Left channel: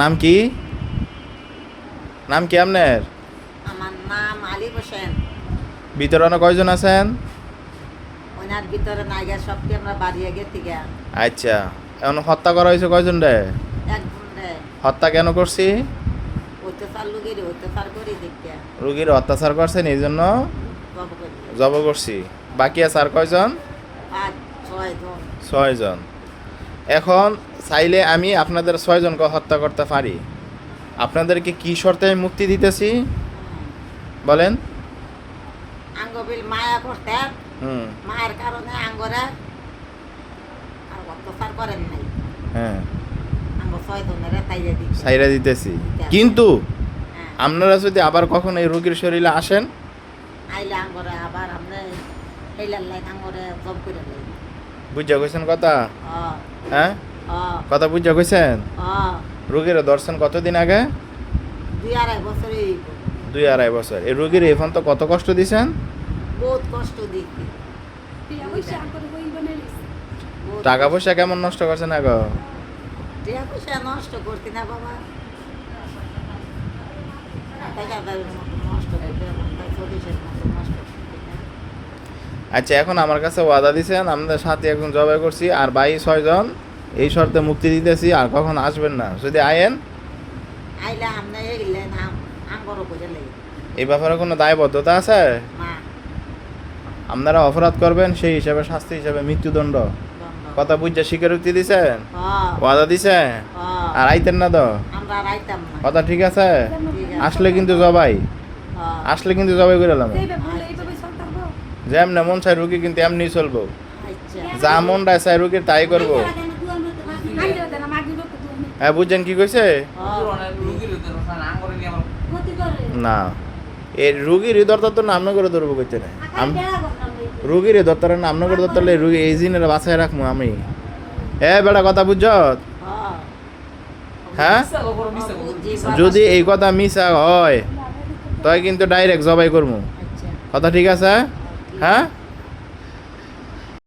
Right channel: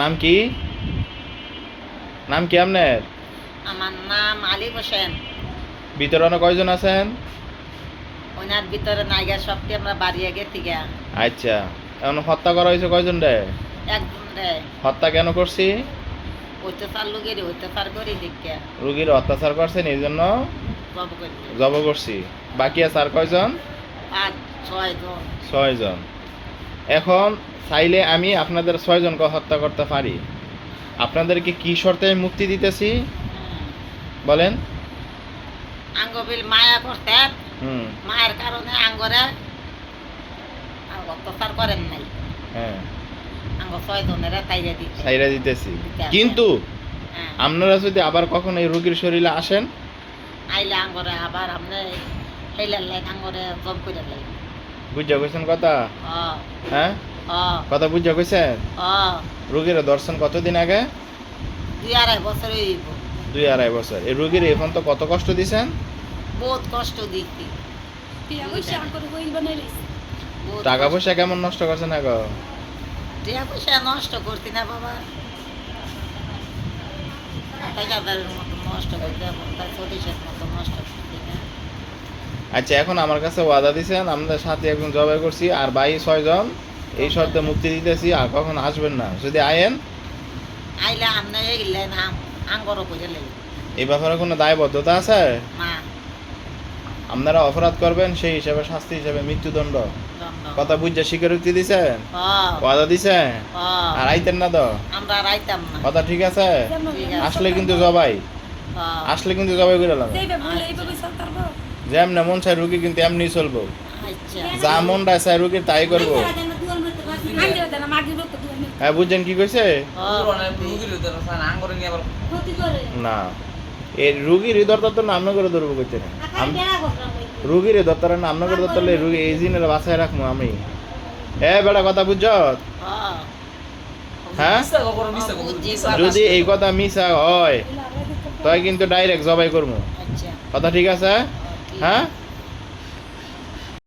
নাম কি? নাম কি আপনার? আমার নাম আলী হোসেন। ভিতরে অনেক কয়জন আছেন? ওনার ভিতরে নাইগা সবটি আমরা বাড়িয়ে গেছি গা। আচ্ছা, এখন হত্যা করা হয়েছে কয়জন রে? একজন রে হত্যা কেন করছি? অত্যাচার লুগের অত্যাচার করি দেখিয়া রুগীর অত্যাচার করছেন এই জন্য জব করি। জব করছি। বাকি আছে আর কয়জন? 5-6 জন। 6 জন। এখন চাইলে আমি আপনাদের 6 জনকে হত্যা করতে পারি। আপনাদেরকে কি শর্তে আমি মুক্তি দিতেছি বলেন? আঙ্গবিল মায়া করতেন, হুম। মায়ের কারণে আঙ্গরে আর অত্যাচার করেন নাই। হ্যাঁ, আঙ্গ 6 জনেরা তাইরে দিতে। ছাইরা দিতেছি। কিন্তু হ্যাঁ, আপনারা যদি আবার কখনো এই রোগীর শরীরে আসেন, আইলে আঙ্গরে আবার আপনি হেলার লাইন আঙ্গরে জব করে লাইন। বুঝা কইছেন কথা? ও হ্যাঁ, ও কথা বুঝা কইছেন? ও রোগীর দর্শন কতদিন আগে? 2-2.5 বছর হইব। 2-2.5 বছর। এই রোগীর এখন তো কত কষ্ট দিছেন? বহুত কষ্ট দিচ্ছি। টাকা পয়সা কেমন নষ্ট করছেন আগো? টাকা পয়সা নষ্ট করতি না বাবা, টাকাদারের মতো নষ্ট করতে তার সরিষের মতো নষ্ট করতি না। আচ্ছা, এখন আমার কাছে ওয়াদা দিছেন আমাদের সাথে এখন জবাই করছি আর 6 জন এই শর্তে মুক্তি দিতেছি আর কখন আসবেন না। যদি আয়েন আইলে আপনি এগিলেন আঙ্গরও করে লাই এই ব্যাপারে কোনো দায়বদ্ধতা আছে? মা আপনারা অপরাধ করবেন সেই হিসাবে শাস্তি হিসাবে মৃত্যুদণ্ড। দণ্ড। কথা বুঝা স্বীকারোক্তি দিছেন, হ্যাঁ, ওয়াদা দিছেন হ্যাঁ, আর আইতেন না তো? আমরা রাইতাম না। কথা ঠিক আছে? ঠিক আছে। আসলে কিন্তু জবাই, হ্যাঁ, আসলে কিন্তু জবাই করে এলাম। যেমন মন চাই রুগী কিন্তু এমনি চলবো, আচ্ছা। যা মন চাই রুগীর তাই করবো। হ্যাঁ, বুঝছেন কি কইছে? না, এই রুগীর হৃদয়টা তো নাম করে ধরবো করতে না। রুগীর হৃদয়টার নাম করে ধরতে রুগী এই জিনের বাসায় রাখবো আমি। হ্যাঁ বেড়া, কথা বুঝছ? হ্যাঁ, যদি এই কথা মিশা হয় তাই কিন্তু ডাইরেক্ট জবাই করবো। আচ্ছা, কথা ঠিক আছে? ঠিক হ্যাঁ। আছে।